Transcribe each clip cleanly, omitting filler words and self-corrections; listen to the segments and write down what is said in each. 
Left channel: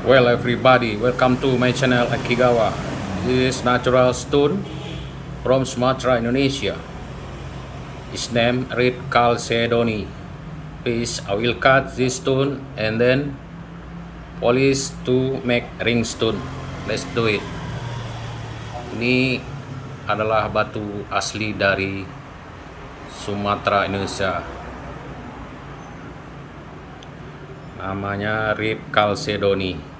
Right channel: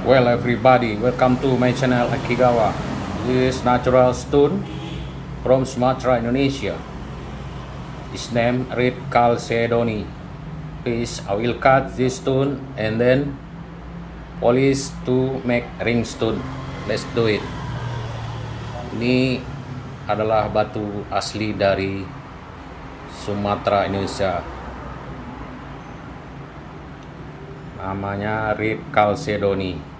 Well, everybody, welcome to my channel Akigawa. This is natural stone from Sumatera, Indonesia. Its name Red Chalcedony. Please, I will cut this stone and then polish to make ring stone. Let's do it. Ini adalah batu asli dari Sumatera, Indonesia. Namanya Red Chalcedony.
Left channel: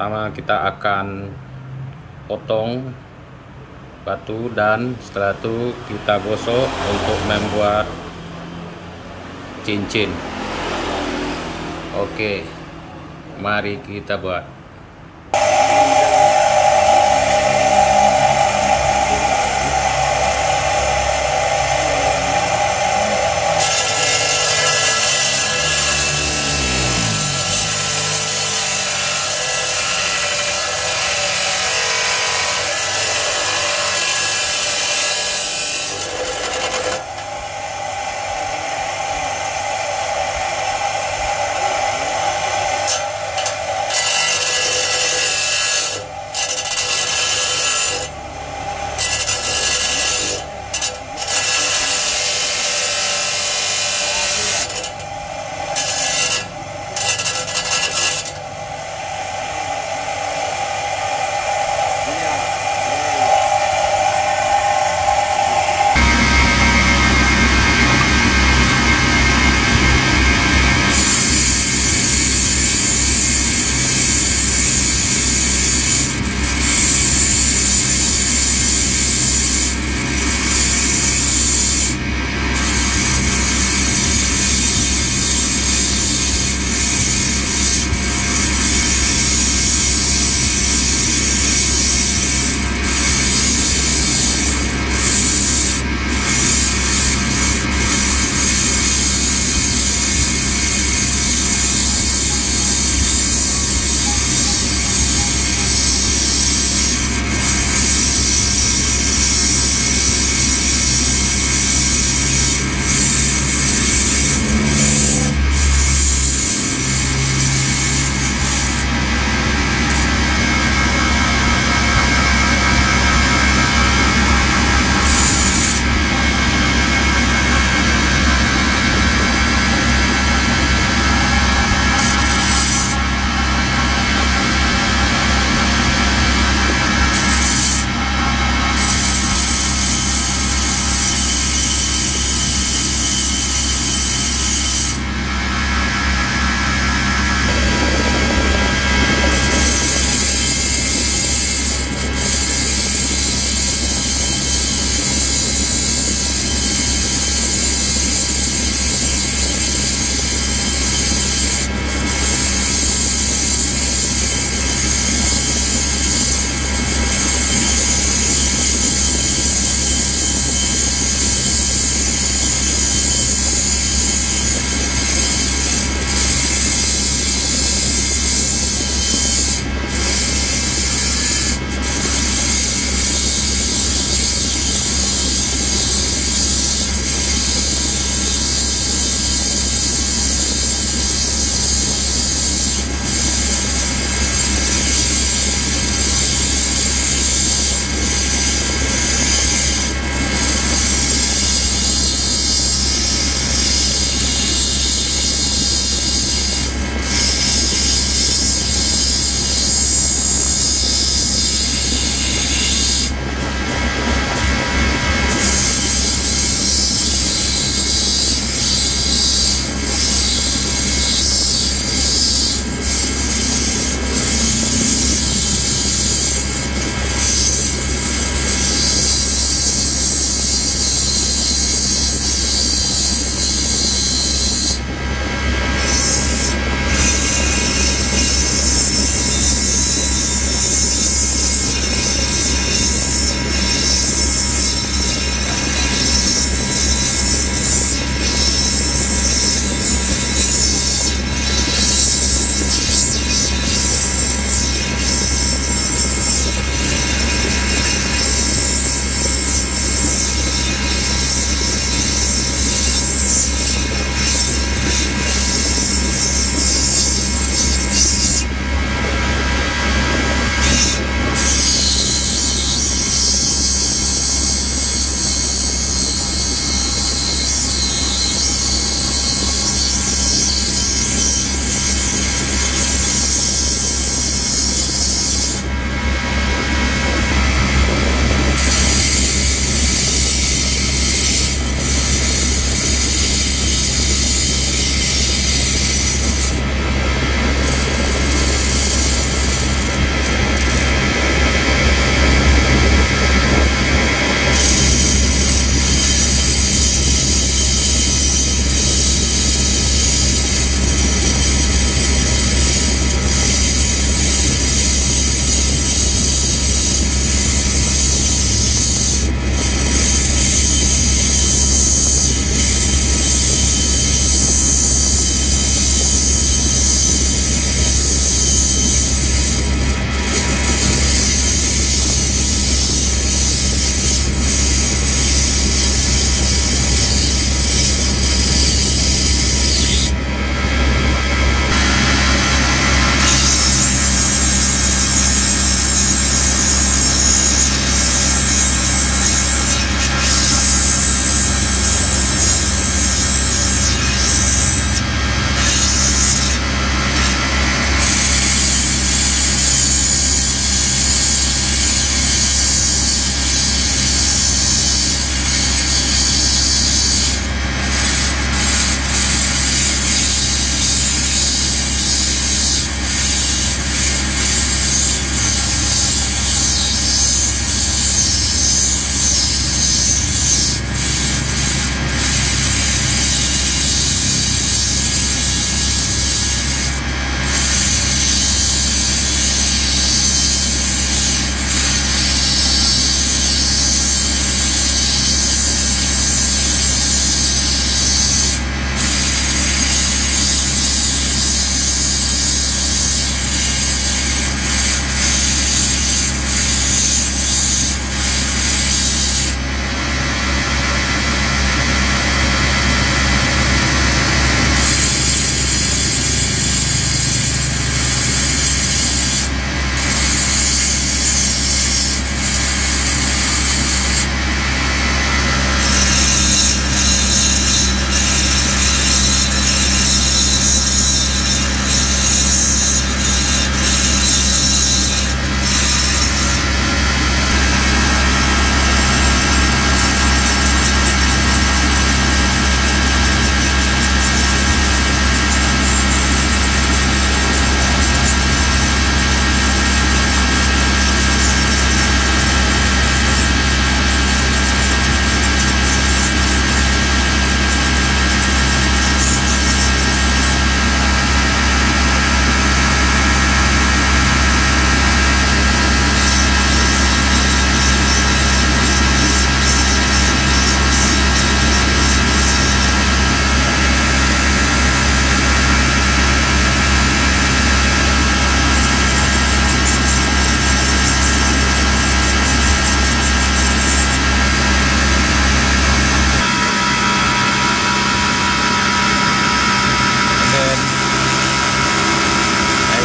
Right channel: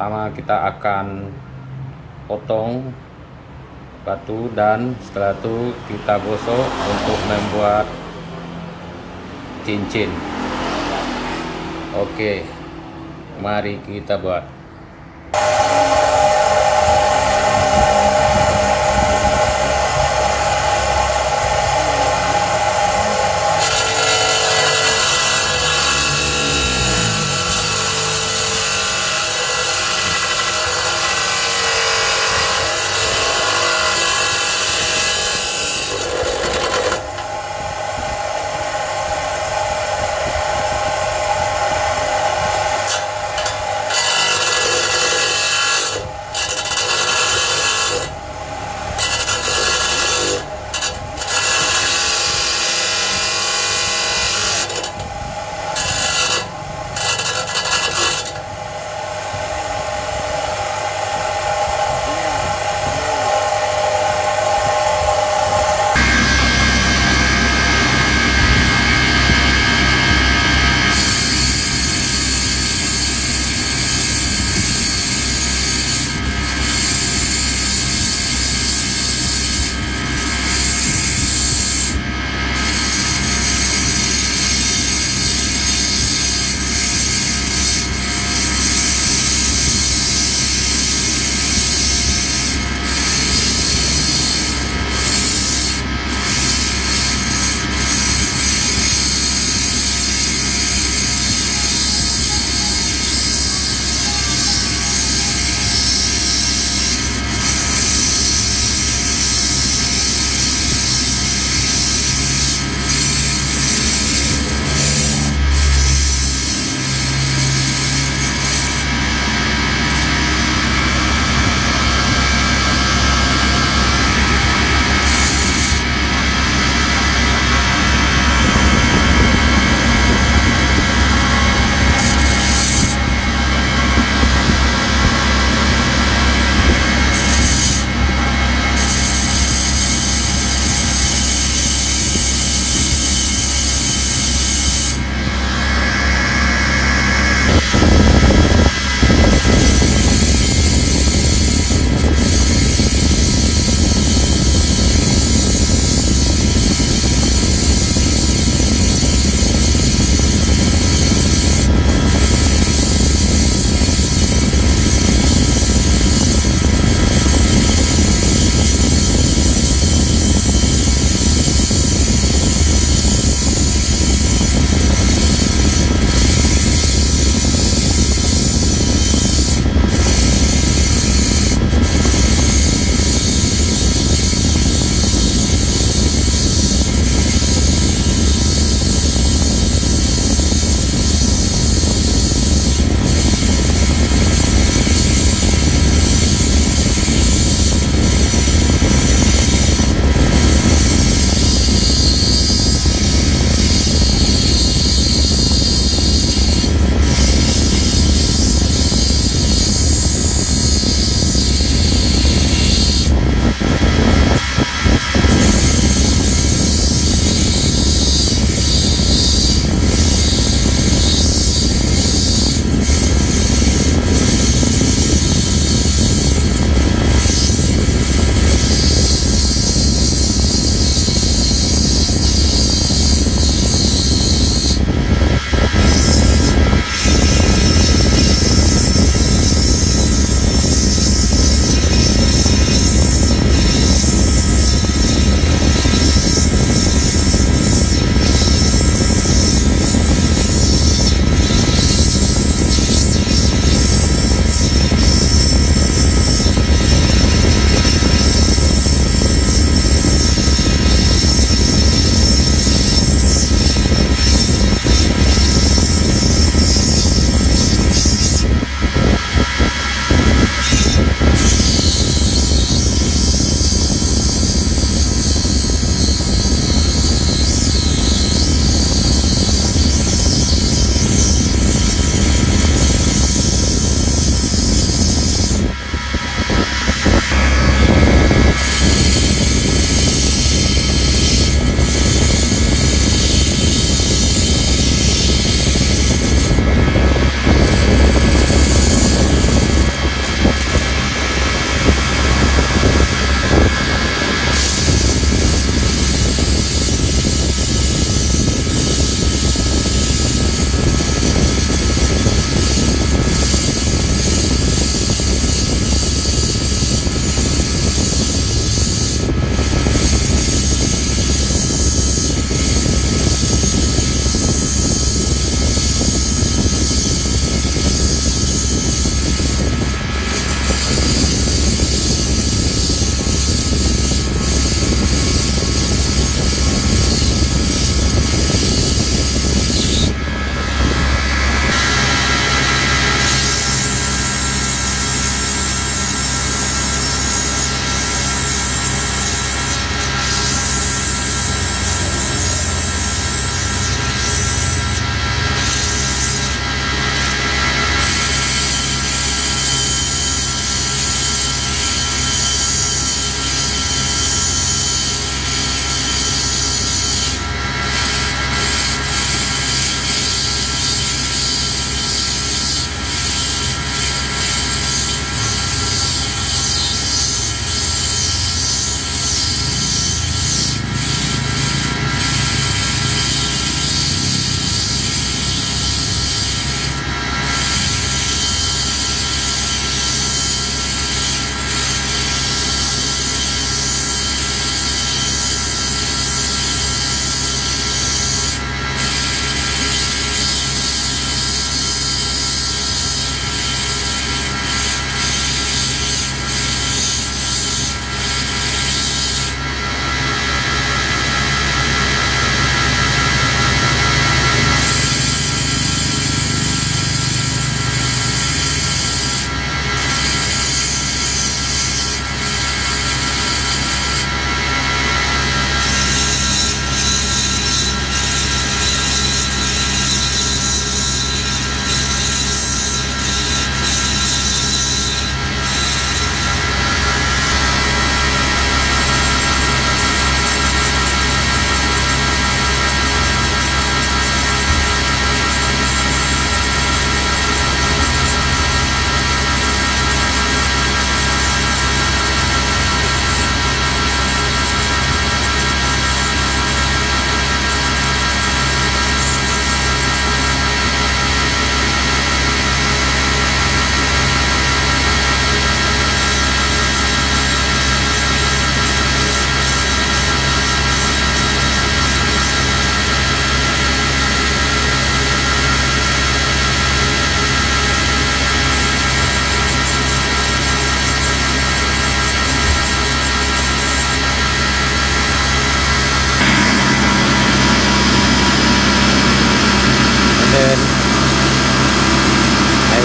Pertama kita akan potong batu dan setelah itu kita gosok untuk membuat cincin. Oke, mari kita buat.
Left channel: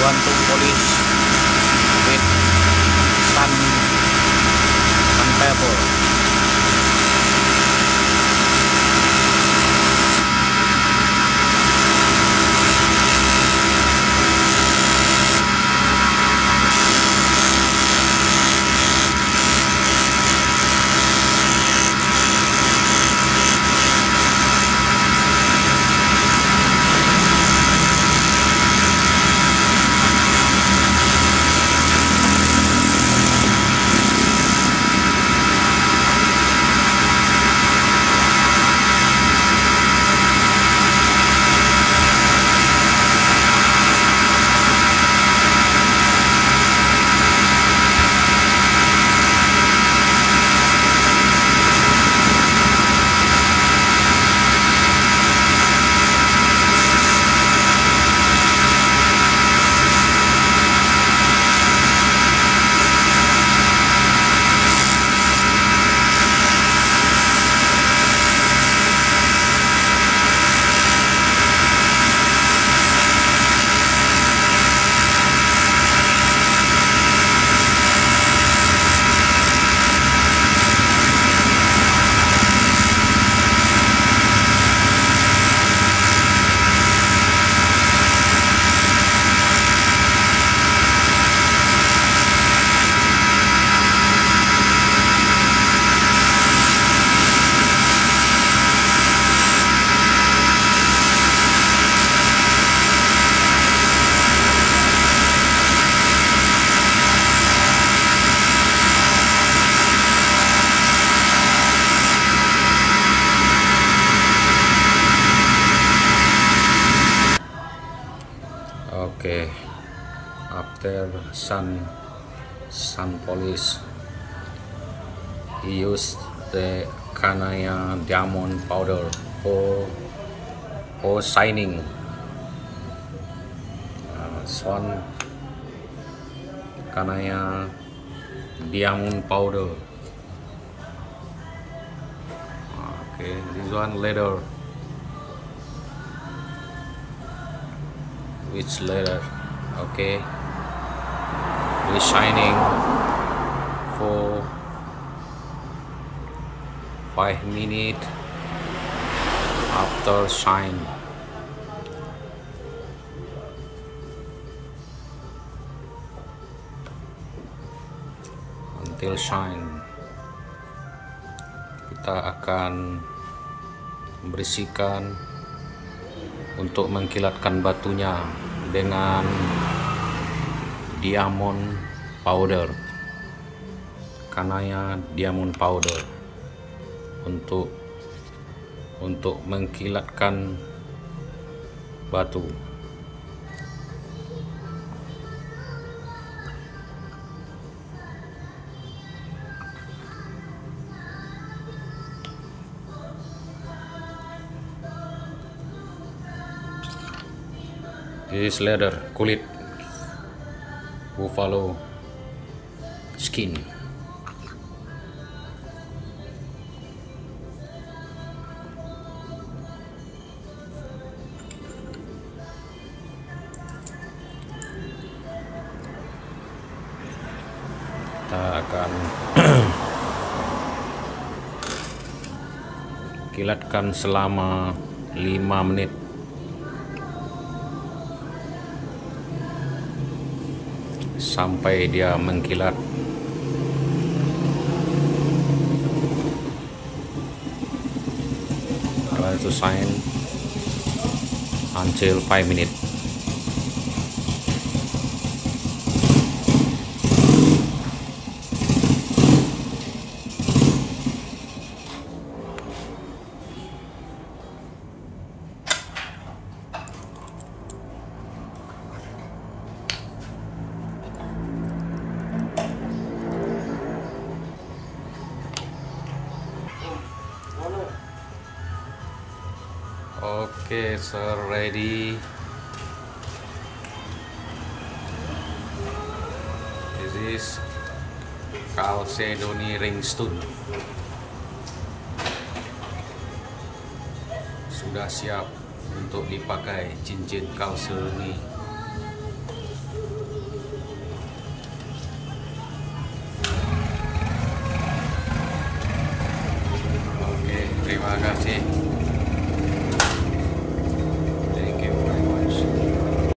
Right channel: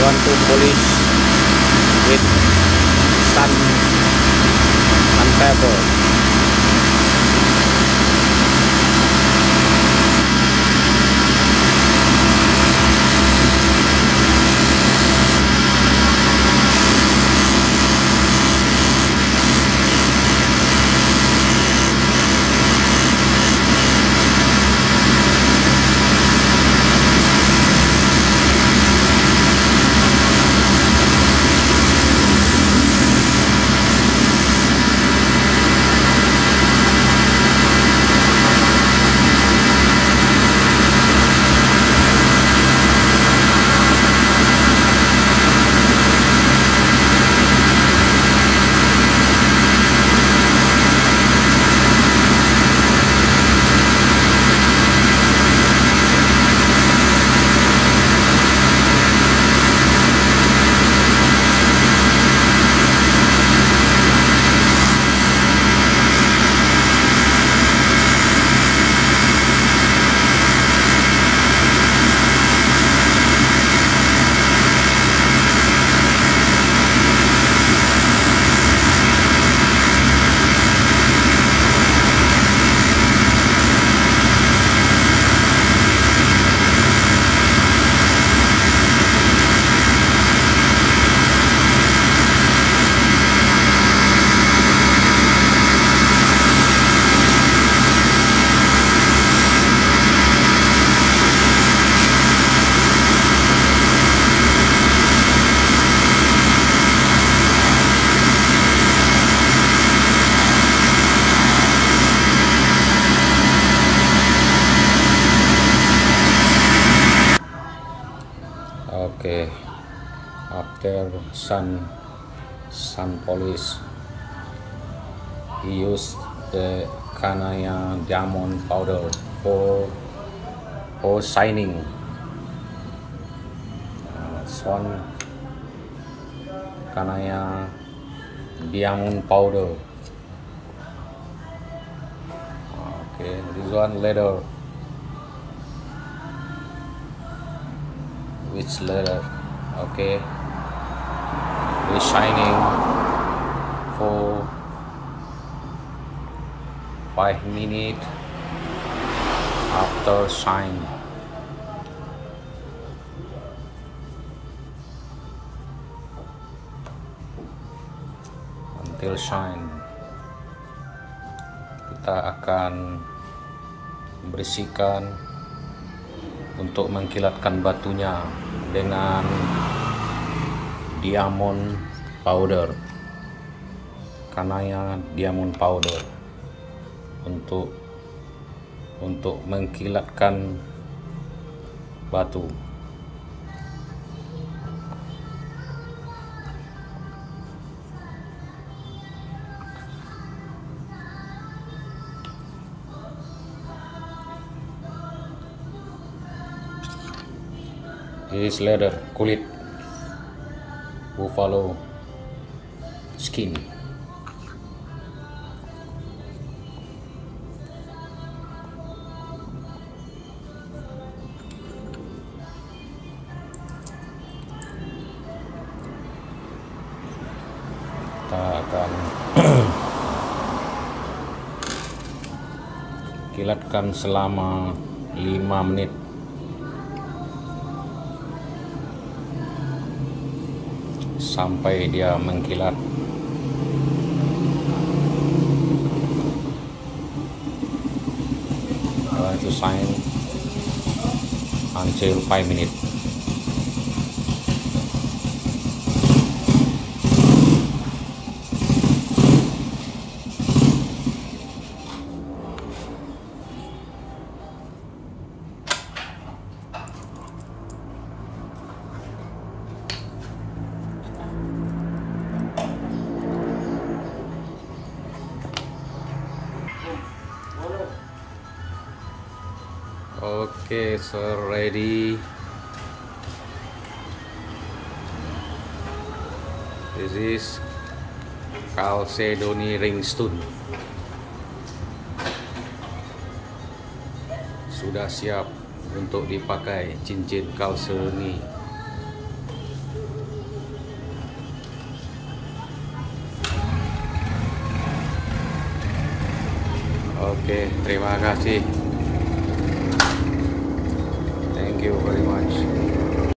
want to polish with sandpaper. Okay, after sun polish, he used the Kanaya diamond powder for shining. Sun Kanaya diamond powder. Okay, this one leather. Which leather? Okay, shining for 5 minutes after shine. Until shine, kita akan membersihkan untuk mengkilatkan batunya dengan diamond powder, Kanaya diamond powder, untuk mengkilatkan batu. This is leather, kulit buffalo skin. Kita akan kilatkan selama 5 menit. Sampai dia mengkilat. I want to shine until 5 minutes. Okay, sir, ready. This is Chalcedony ringstone. Sudah siap untuk dipakai cincin Chalcedony. Oke, terima kasih.